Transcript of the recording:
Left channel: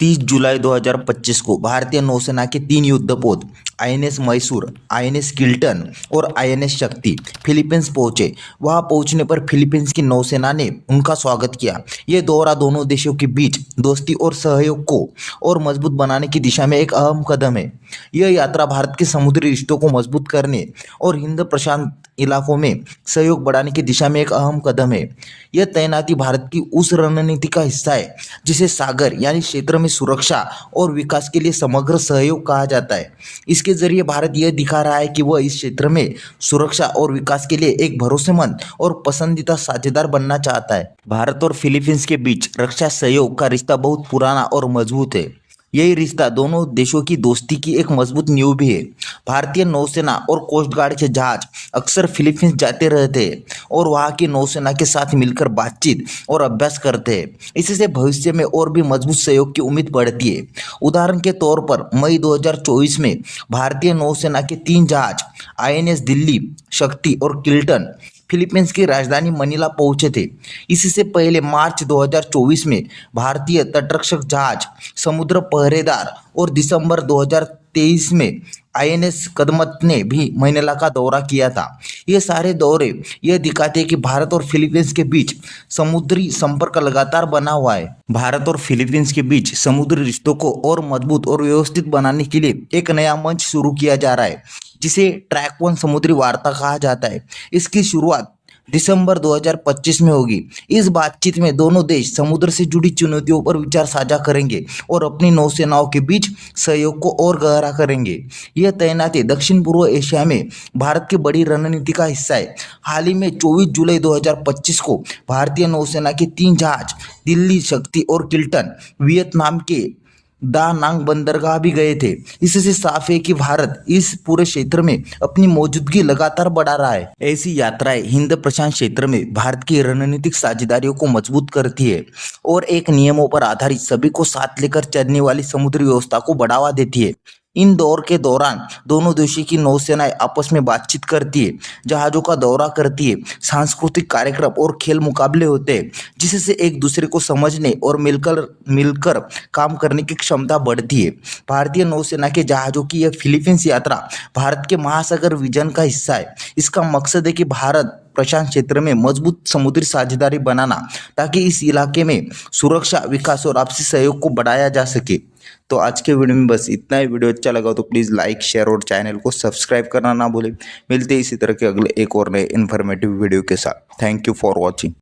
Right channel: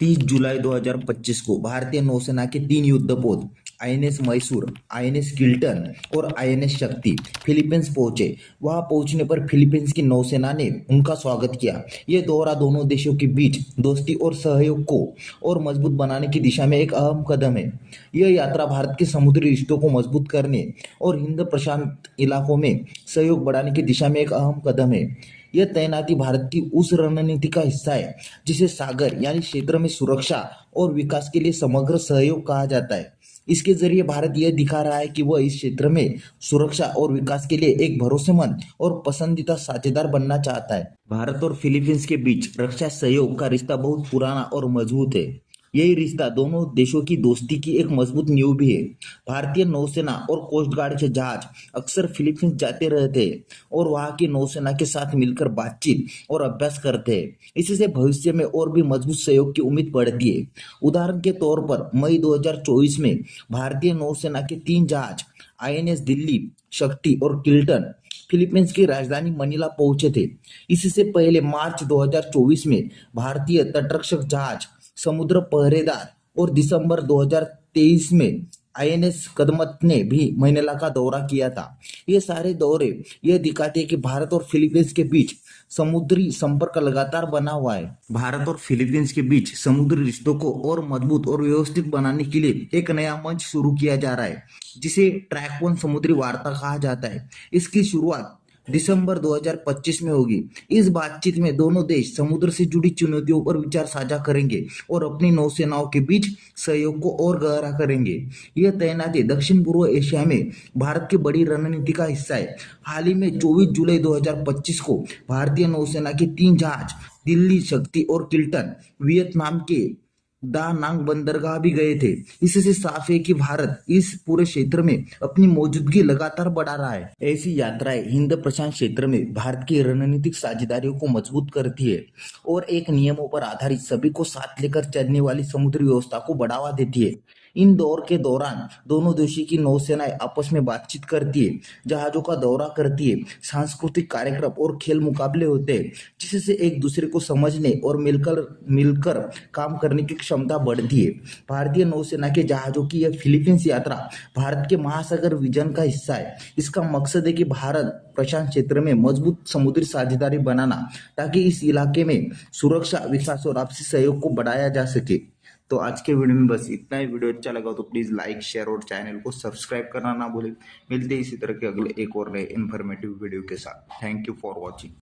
30 जुलाई 2025 को भारतीय नौसेना के 3 युद्धपोत आईएनएस मैसूर, आईएनएस किल्टन और आईएनएस शक्ति फिलीपींस पहुंचे। वहां पहुंचने पर फिलीपींस की नौसेना ने उनका स्वागत किया। ये दौरा दोनों देशों के बीच दोस्ती और सहयोग को और मजबूत बनाने की दिशा में एक अहम कदम है। यह यात्रा भारत के समुद्री रिश्तों को मजबूत करने और हिंद प्रशांत इलाकों में सहयोग बढ़ाने की दिशा में एक अहम कदम है। यह तैनाती भारत की उस रणनीति का हिस्सा है जिसे सागर यानी क्षेत्र में सुरक्षा और विकास के लिए समग्र सहयोग कहा जाता है। इसके जरिए भारत यह दिखा रहा है कि वह इस क्षेत्र में सुरक्षा और विकास के लिए एक भरोसेमंद और पसंदीदा साझेदार बनना चाहता है। भारत और फिलीपींस के बीच रक्षा सहयोग का रिश्ता बहुत पुराना और मजबूत है। यही रिश्ता दोनों देशों की दोस्ती की एक मजबूत नींव भी है। भारतीय नौसेना और कोस्ट गार्ड के जहाज अक्सर फिलीपींस जाते रहते हैं और वहाँ की नौसेना के साथ मिलकर बातचीत और अभ्यास करते हैं। इससे भविष्य में और भी मजबूत सहयोग की उम्मीद बढ़ती है। उदाहरण के तौर पर मई 2024 में भारतीय नौसेना के 3 जहाज आईएनएस दिल्ली, शक्ति और किल्टन फिलीपींस की राजधानी मनीला पहुंचे थे। इससे पहले मार्च 2024 में भारतीय तटरक्षक जहाज समुद्र पहरेदार और दिसंबर 2023 में आईएनएस कदमत ने भी मनीला का दौरा किया था। ये सारे दौरे यह दिखाते हैं कि भारत और फिलीपींस के बीच समुद्री संपर्क लगातार बना हुआ है। भारत और फिलीपींस के बीच समुद्री रिश्तों को और मजबूत और व्यवस्थित बनाने के लिए एक नया मंच शुरू किया जा रहा है जिसे ट्रैक 1 समुद्री वार्ता कहा जाता है। इसकी शुरुआत दिसंबर 2025 में होगी। इस बातचीत में दोनों देश समुद्र से जुड़ी चुनौतियों पर विचार साझा करेंगे और अपनी नौसेनाओं के बीच सहयोग को और गहरा करेंगे। यह तैनाती दक्षिण पूर्व एशिया में भारत की बड़ी रणनीति का हिस्सा है। हाल ही में 24 जुलाई 2025 को भारतीय नौसेना के 3 जहाज दिल्ली, शक्ति और किल्टन वियतनाम के दा नांग बंदरगाह भी गए थे। इससे साफ है कि भारत इस पूरे क्षेत्र में अपनी मौजूदगी लगातार बढ़ा रहा है। ऐसी यात्राएं हिंद प्रशांत क्षेत्र में भारत की रणनीतिक साझेदारियों को मजबूत करती है और एक नियमों पर आधारित सभी को साथ लेकर चलने वाली समुद्री व्यवस्था को बढ़ावा देती है। इन दौर के दौरान दोनों देशों की नौसेनाएं आपस में बातचीत करती है, जहाजों का दौरा करती है, सांस्कृतिक कार्यक्रम और खेल मुकाबले होते हैं, जिससे एक दूसरे को समझने और मिलकर काम करने की क्षमता बढ़ती है। भारतीय नौसेना के जहाजों की यह फिलीपींस यात्रा भारत के महासागर विजन का हिस्सा है। इसका मकसद है कि भारत प्रशांत क्षेत्र में मजबूत समुद्री साझेदारी बनाना, ताकि इस इलाके में सुरक्षा, विकास और आपसी सहयोग को बढ़ाया जा सके। तो आज के वीडियो में बस इतना ही। वीडियो अच्छा लगा तो प्लीज़ लाइक, शेयर और चैनल को सब्सक्राइब करना ना भूलें। मिलते हैं इसी तरह के अगले एक और नए इन्फॉर्मेटिव वीडियो के साथ। Thank you for watching.